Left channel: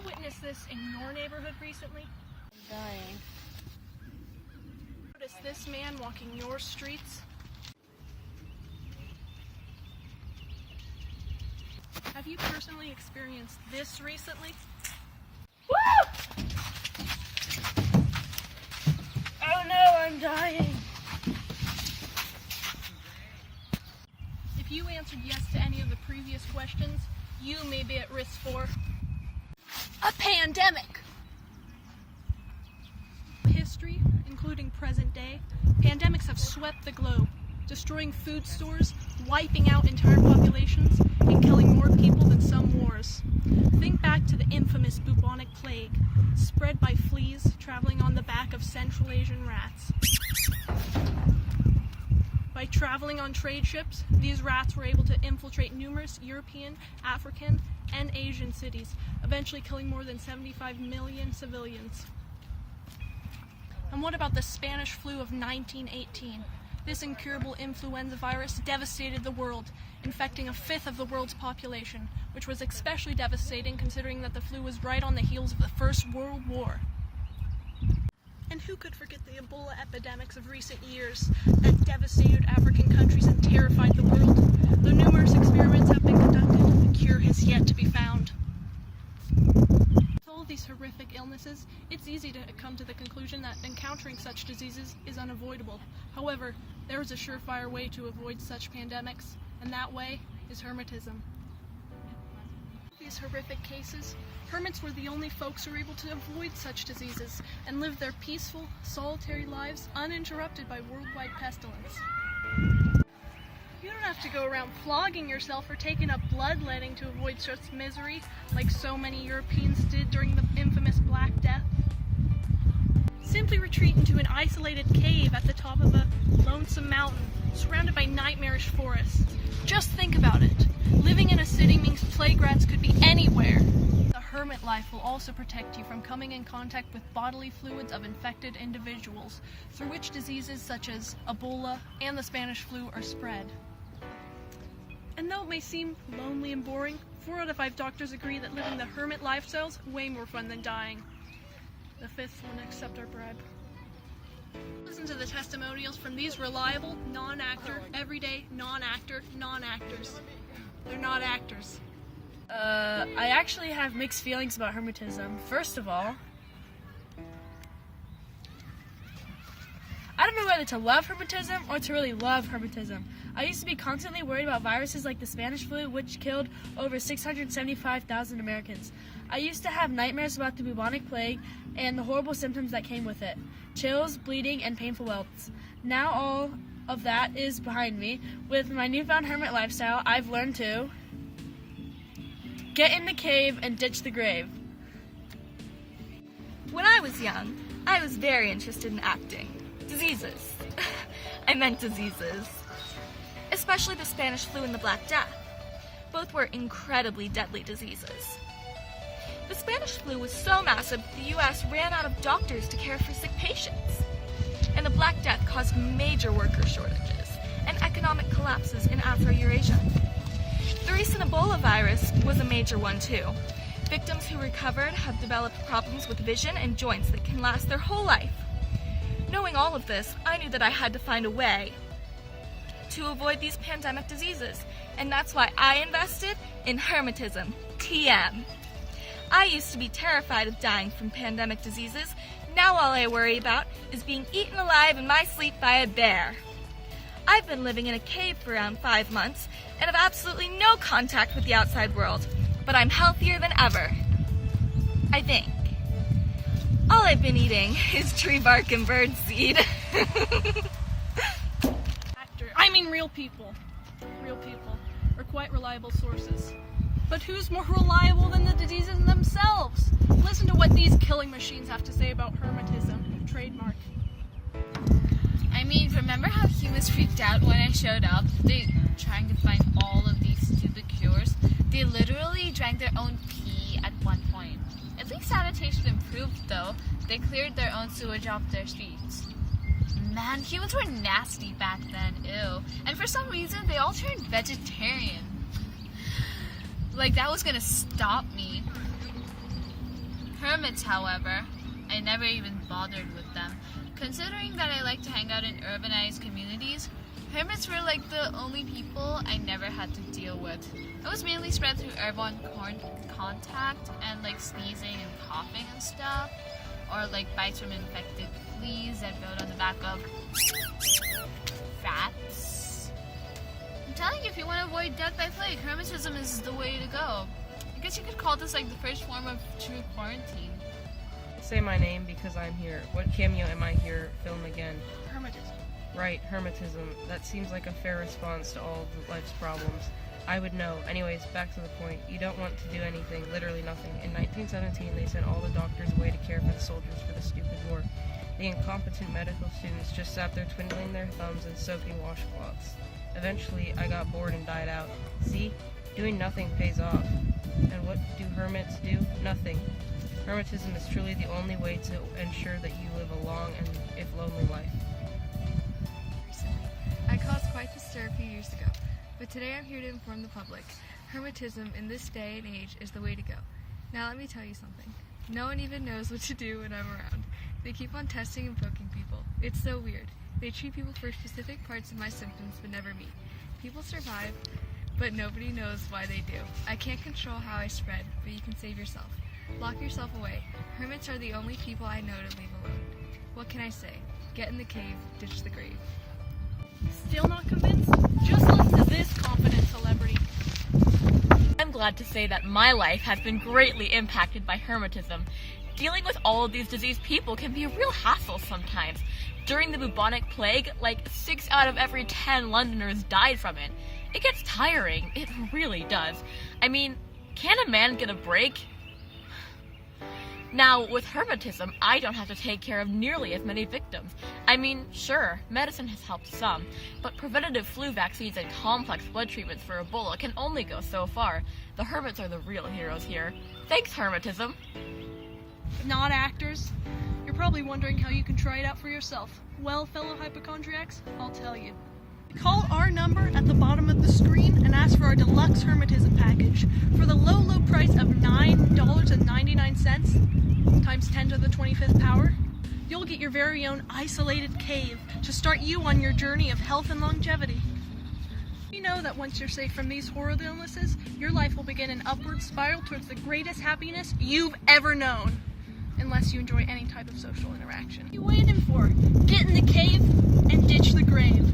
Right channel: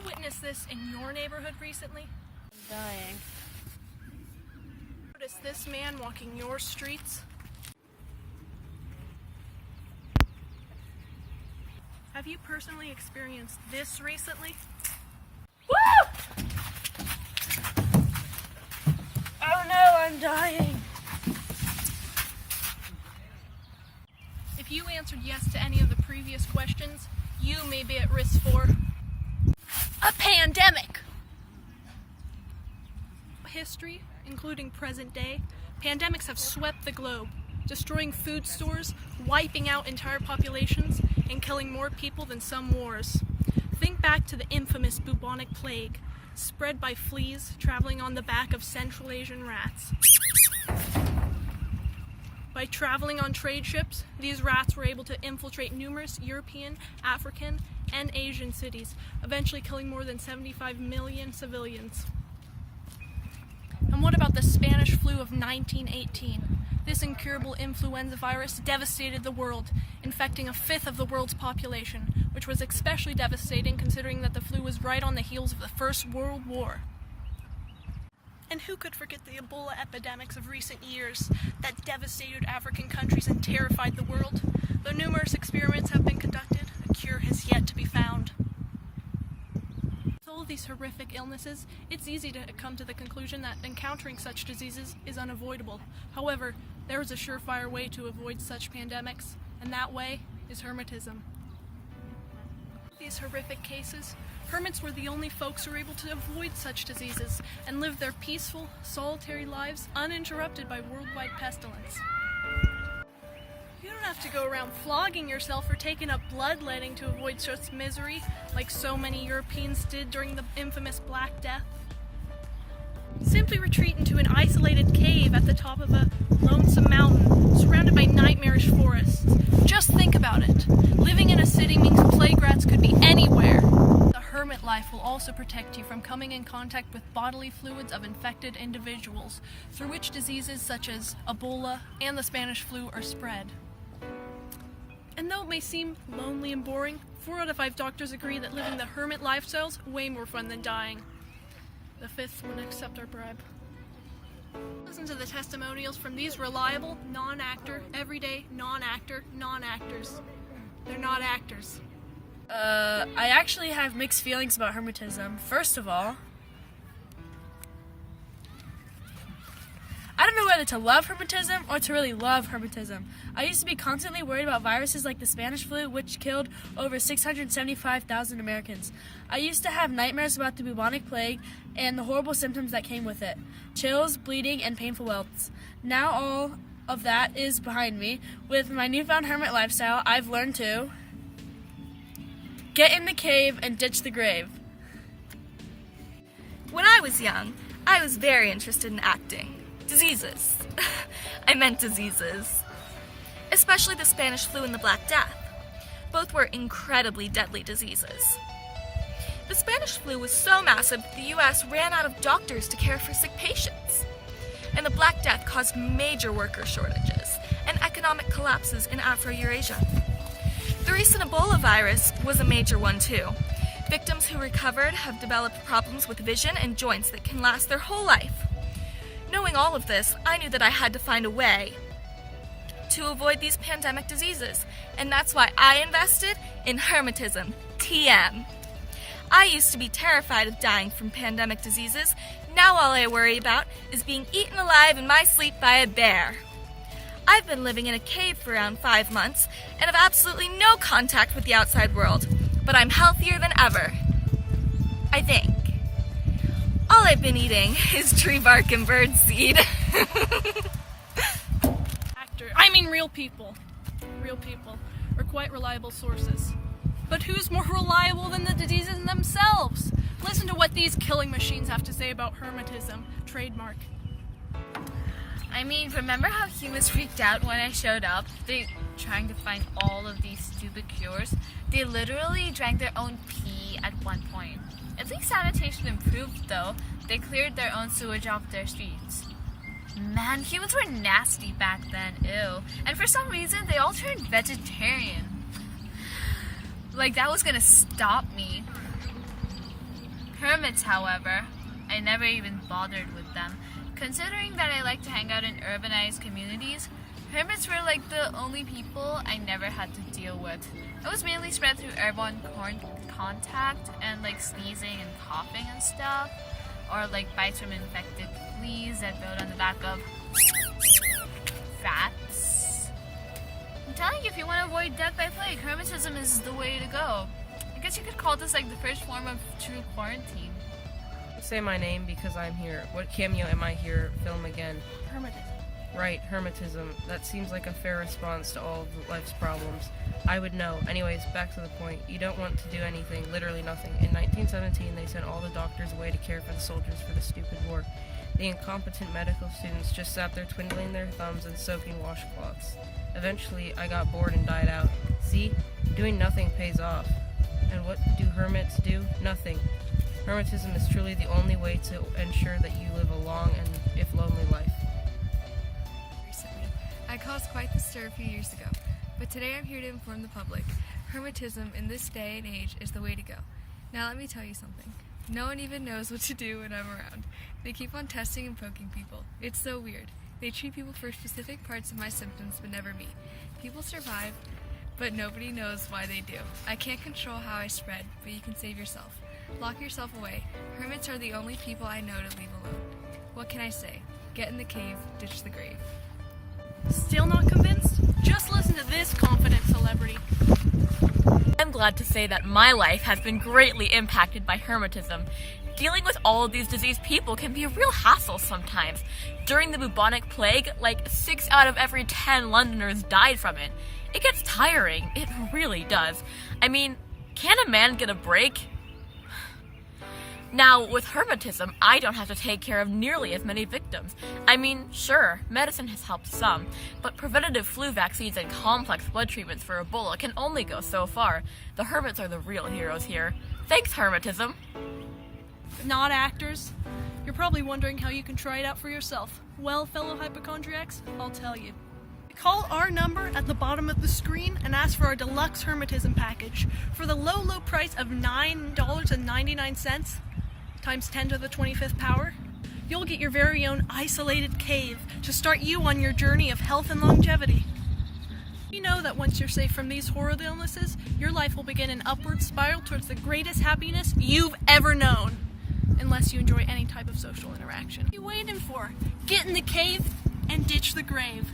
you witnessed this in your neighborhood recently? I'm dying. Noticed this man walking your streets? Have you personally experienced this recently? Woo! Oh no, I'm dying. If you answered yes to any of the previous questions, you may be at risk for a pandemic. History, including present day, pandemics have swept the globe, destroying food stores, wiping out entire populations, and killing more people than some wars. Think back to the infamous bubonic plague, spread by fleas traveling on the back of Central Asian rats. By traveling on trade ships, these rats were able to infiltrate numerous European, African, and Asian cities, eventually killing more than 75 million civilians. And what about the Spanish flu of 1918? This incurable influenza virus devastated the world, infecting a fifth of the world's population, which was especially devastating considering that the flu was right on the heels of the First World War. And who could forget the Ebola epidemics of recent years that devastated African countries and terrified the world? Though numerous experiments have been conducted, a cure has yet to be found. With all these horrific illnesses, it's easy to come to the conclusion that encountering such diseases is unavoidable. However, there is a surefire way to avoid such pandemics, and that way is hermetism. These horrific cases, hermits were the only folks who were able to avoid such diseases and live their peaceful, solitary lives uninterrupted by worldwide pestilence. You don't have to go around flogging yourself or taking up bloodletting to avoid such misery like so many Europeans did during the infamous Black Death. Simply retreat into an isolated cave at the top of a lonesome mountain, surrounded by nightmarish forests. Just think about it. Living in a city means plague rats could be anywhere. The hermit life will also protect you from coming in contact with bodily fluids of infected individuals, through which diseases such as Ebola and the Spanish flu are spread. And though it may seem lonely and boring, 4 out of 5 doctors agree that living the hermit lifestyle is way more fun than dying. The 5th wouldn't accept our bribe. Listen to the testimonials from these reliable, non-actor, everyday, non-actors. They're not actors. I actually have mixed feelings about hermetism. First of all, I don't know whether to love hermetism or to really love hermetism. I used to be constantly worried about viruses like the Spanish flu, which killed over 675,000 Americans. I used to have nightmares about the bubonic plague and the horrible symptoms that came with it. Chills, bleeding, and painful welts. Now all of that is behind me. With my newfound hermit lifestyle, I've learned to get in the cave and ditch the grave. When I was young, I was very interested in acting. Diseases. I meant diseases. Especially the Spanish flu and the Black Death. Both were incredibly deadly diseases. The Spanish flu was so massive that the U.S. ran out of doctors to care for sick patients. And the Black Death caused major worker shortages and economic collapses in Afro-Eurasia. The recent Ebola virus was a major one too. Victims who recovered have developed problems with vision and joints that can last their whole life. Knowing all of this, I knew that I had to find a way to avoid these pandemic diseases, and that's why I invested in hermetism, TM. I used to be terrified of dying from pandemic diseases. Now all I worry about is being eaten alive in my sleep by a bear. I've been living in a cave for around 5 months and have absolutely no contact with the outside world, but I'm healthier than ever. I think. All I've been eating is tree bark and bird seed. Real people. Real people are quite reliable sources. But who's more reliable than the diseases themselves? Listen to what these killing machines have to say about hermetism. Trademark. I mean, remember how humans freaked out when I showed up? They trying to find all of these stupid cures. They literally drank their own pee at one point. At least sanitation improved though. They cleared their own sewage off their streets. Man, humans were nasty back then, ew. And for some reason, they all turned vegetarian. Like that was gonna stop me. Hermits, however, I never even bothered with them. Considering that I like to hang out in urbanized communities, hermits were like the only people I never had to deal with. It was mainly spread through airborne contact and like sneezing and coughing and stuff, or like bites from infected fleas that build on the back of rats. I'm telling you, if you want to avoid death by plague, hermetism is the way to go. I guess you could call this like the first form of true quarantine. Say my name because I'm here. What cameo am I here? Film again. Hermetism. Right, hermetism. That seems like a fair response to all of life's problems. I would know. Anyways, back to the point. You don't want to do anything, literally nothing. In 1917, they sent all the doctors away to care for the soldiers for the stupid war. The incompetent medical students just sat there twiddling their thumbs and soaking washcloths. Eventually, I got bored and died out. See? Doing nothing pays off. And what do hermits do? Nothing. Hermetism is truly the only way to ensure that you live a long and, if lonely, life. Recently, I caused quite the stir a few years ago, but today I'm here to inform the public. Hermetism in this day and age is the way to go. Now let me tell you something. No one even knows what to do when I'm around. They keep on testing and poking people. It's so weird. They treat people for specific parts of my symptoms, but never me. People survive, but nobody knows why they do. I can't control how I spread, but you can save yourself. Lock yourself away. Hermits are the only people I know to leave alone. What can I say? Get in the cave, ditch the grave. Still not convinced? Just listen to this confident celebrity. I'm glad to say that my life has been greatly impacted by hermetism. Dealing with all of these diseased people can be a real hassle sometimes. During the bubonic plague, like 6 out of every 10 Londoners died from it. It gets tiring. It really does. I mean, can a man get a break? Now, with hermetism, I don't have to take care of nearly as many victims. I mean, sure, medicine has helped some, but preventative flu vaccines and complex blood treatments for Ebola can only go so far. The hermits are the real heroes here. Thanks, hermetism. Not actors. You're probably wondering how you can try it out for yourself. Well, fellow hypochondriacs, I'll tell you. Call our number at the bottom of the screen and ask for our deluxe hermetism package. For the low, low price of $9.99 times 10 to the 25th power, you'll get your very own isolated cave to start you on your journey of health and longevity. You know that once you're safe from these horrid illnesses, your life will begin an upward spiral towards the greatest happiness you've ever known. Unless you enjoy any type of social interaction. What are you waiting for? Get in the cave and ditch the grave.